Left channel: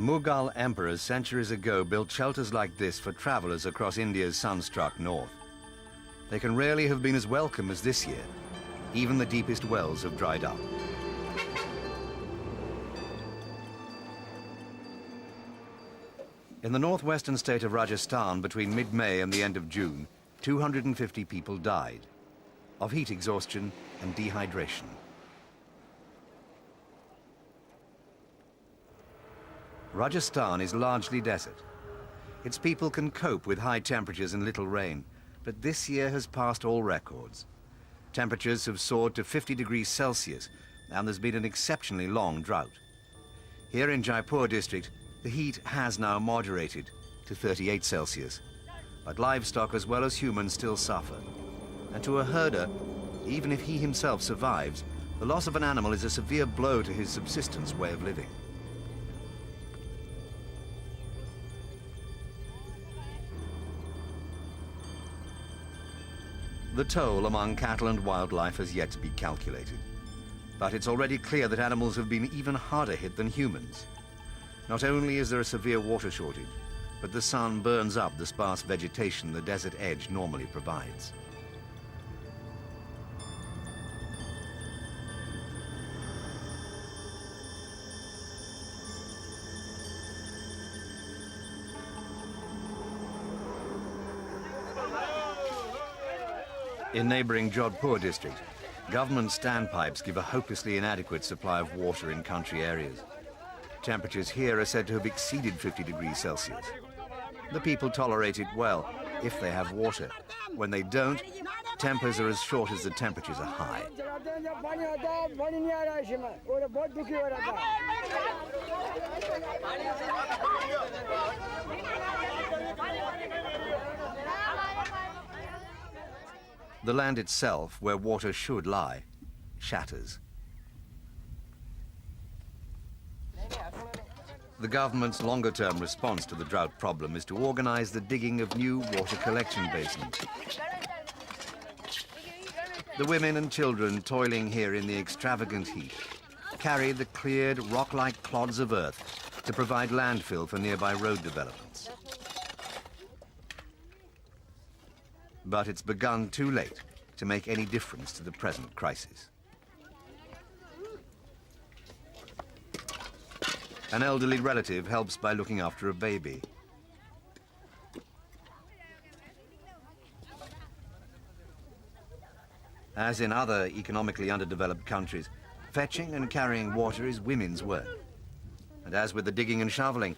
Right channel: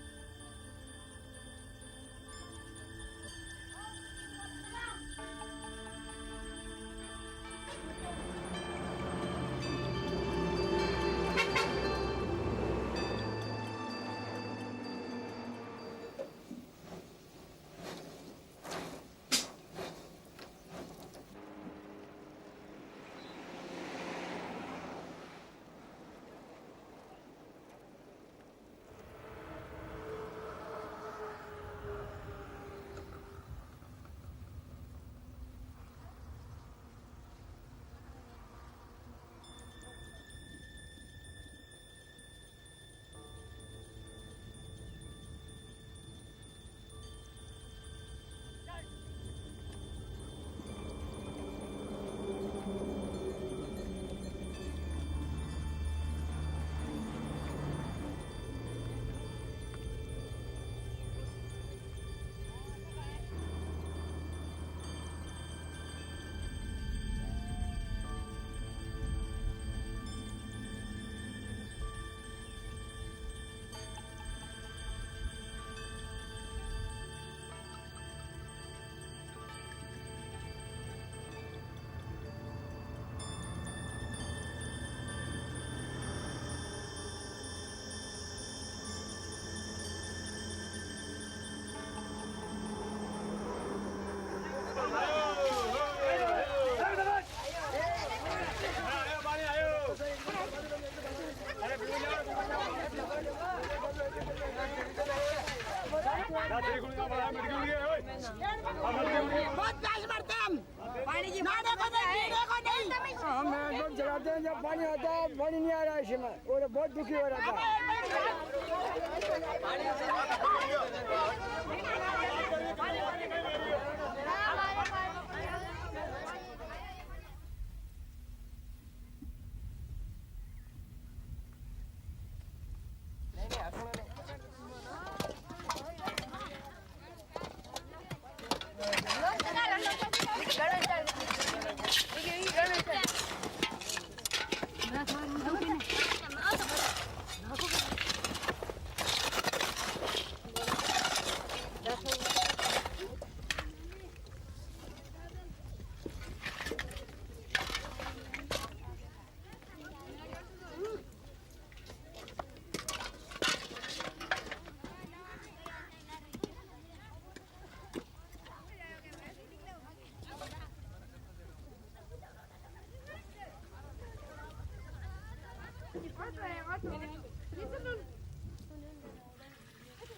Mughal emperors centuries ago built shelters like this for travelers across India's sun-struck north. They can rarely have been as welcome as this year. Even the deepest wells have dried up. In the northwestern state of Rajasthan, between mid-May and the end of June, 250 people died of heat exhaustion and dehydration. Rajasthan is largely desert. Its people can cope with high temperatures and little rain, but this year has passed all records. Temperatures have soared to 50 degrees Celsius, and there's been an exceptionally long drought. Here in Jaipur district, the heat has now moderated to 38 Celsius, but livestock as well as humans still suffer. And to a herder, even if he himself survives, the loss of an animal is a severe blow to his subsistence way of living. The toll among cattle and wildlife has yet to be calculated. But it's already clear that animals have been even harder hit than humans. Not only is there a severe water shortage, but the sun burns up the sparse vegetation the desert edge normally provides. In neighbouring Jodhpur district, government standpipes give a hopelessly inadequate supply of water in country areas. Temperatures here are said to have exceeded 50 degrees Celsius. The people tolerate it well if they have water. When they don't, tempers are as short as the temperatures are high. The land itself, where water should lie, shatters. The government's longer-term response to the drought problem is to organize the digging of new water collection basins. The women and children toiling here in the extravagant heat carry the cleared rock-like clods of earth to provide landfill for nearby road developments. But it's begun too late to make any difference to the present crisis. An elderly relative helps by looking after a baby. As in other economically underdeveloped countries, fetching and carrying water is women's work. And as with the digging and shoveling,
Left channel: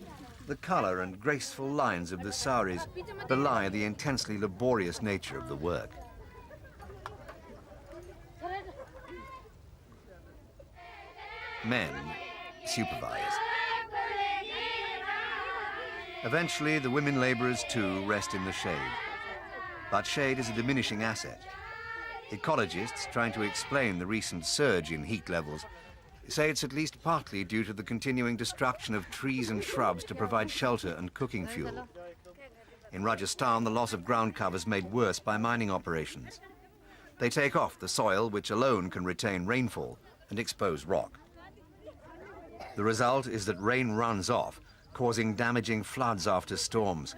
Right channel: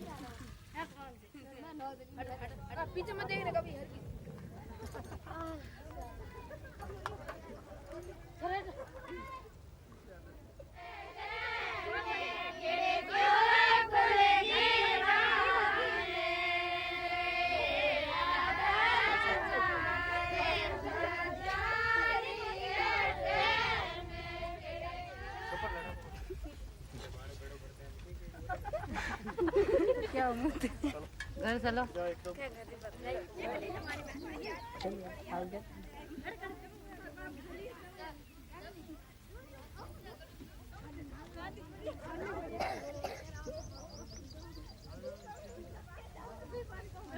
the color and graceful lines of the saris belie the intensely laborious nature of the work. Men supervise. Eventually, the women laborers too rest in the shade. But shade is a diminishing asset. Ecologists, trying to explain the recent surge in heat levels, say it's at least partly due to the continuing destruction of trees and shrubs to provide shelter and cooking fuel. In Rajasthan, the loss of ground cover is made worse by mining operations. They take off the soil, which alone can retain rainfall, and expose rock. The result is that rain runs off, causing damaging floods after storms,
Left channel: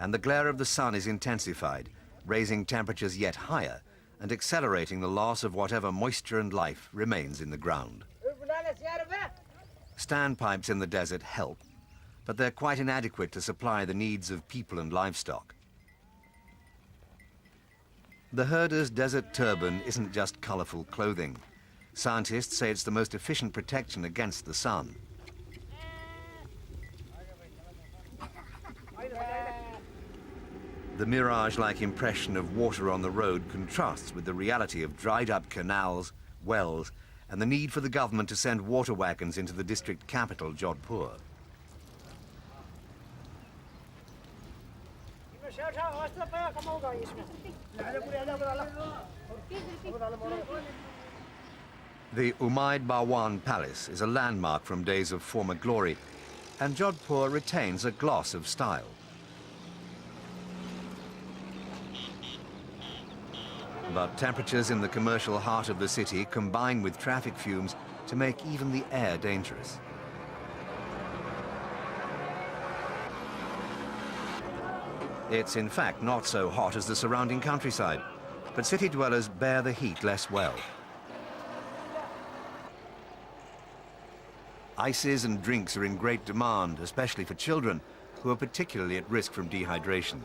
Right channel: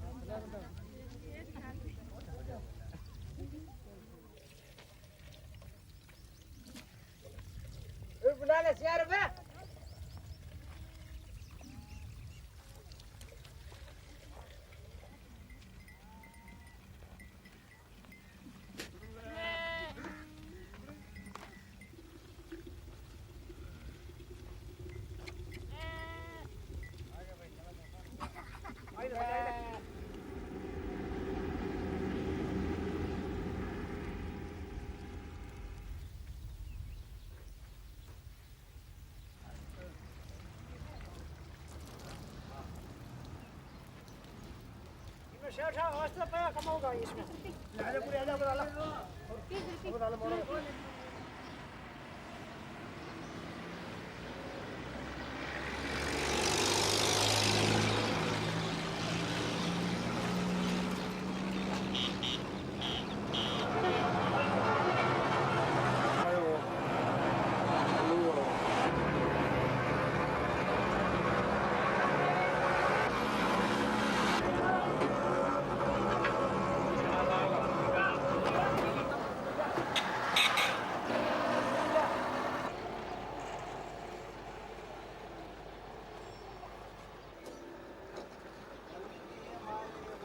and the glare of the sun is intensified, raising temperatures yet higher and accelerating the loss of whatever moisture and life remains in the ground. Standpipes in the desert help, but they're quite inadequate to supply the needs of people and livestock. The herder's desert turban isn't just colorful clothing. Scientists say it's the most efficient protection against the sun. The mirage-like impression of water on the road contrasts with the reality of dried-up canals, wells, and the need for the government to send water wagons into the district capital, Jodhpur. The Umaid Barwan Palace is a landmark from days of former glory, and Jodhpur retains a gloss of style. But temperatures in the commercial heart of the city combine with traffic fumes to make even the air dangerous. It's in fact not so hot as the surrounding countryside, but city dwellers bear the heat less well. Ices and drinks are in great demand, especially for children, who are particularly at risk from dehydration.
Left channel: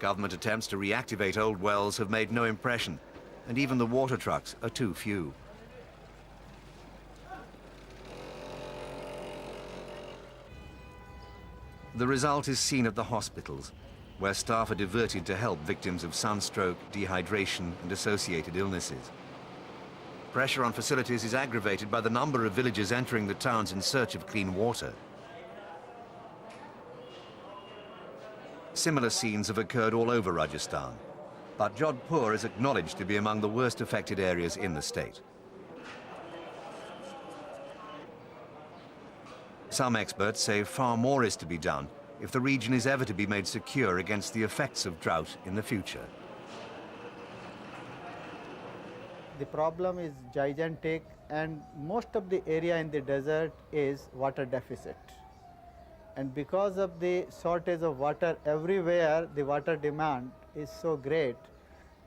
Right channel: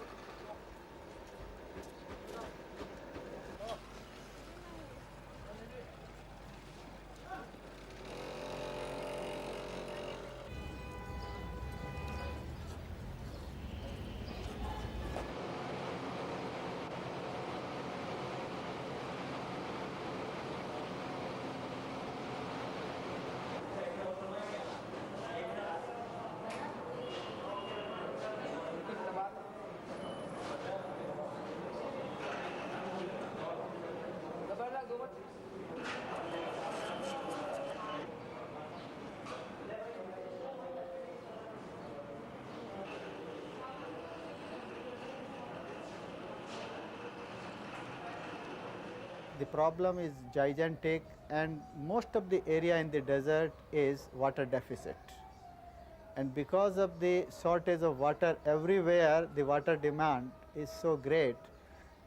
Government attempts to reactivate old wells have made no impression, and even the water trucks are too few. The result is seen at the hospitals, where staff are diverted to help victims of sunstroke, dehydration, and associated illnesses. Pressure on facilities is aggravated by the number of villagers entering the towns in search of clean water. Similar scenes have occurred all over Rajasthan, but Jodhpur is acknowledged to be among the worst affected areas in the state. Some experts say far more is to be done if the region is ever to be made secure against the effects of drought in the future. The problem is gigantic, and most of the area in the desert is water deficit. And because of the shortage of water everywhere, the water demand is so great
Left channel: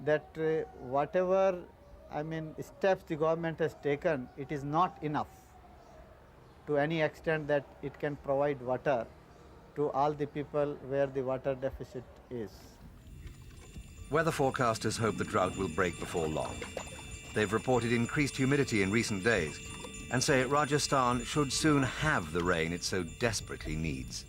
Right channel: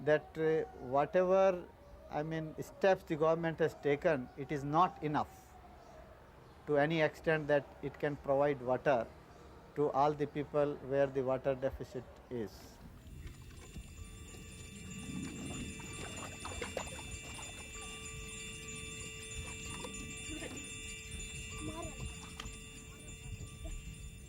that whatever steps the government has taken, it is not enough to any extent that it can provide water to all the people where the water deficit is. Weather forecasters hope the drought will break before long. They've reported increased humidity in recent days and say Rajasthan should soon have the rain it so desperately needs.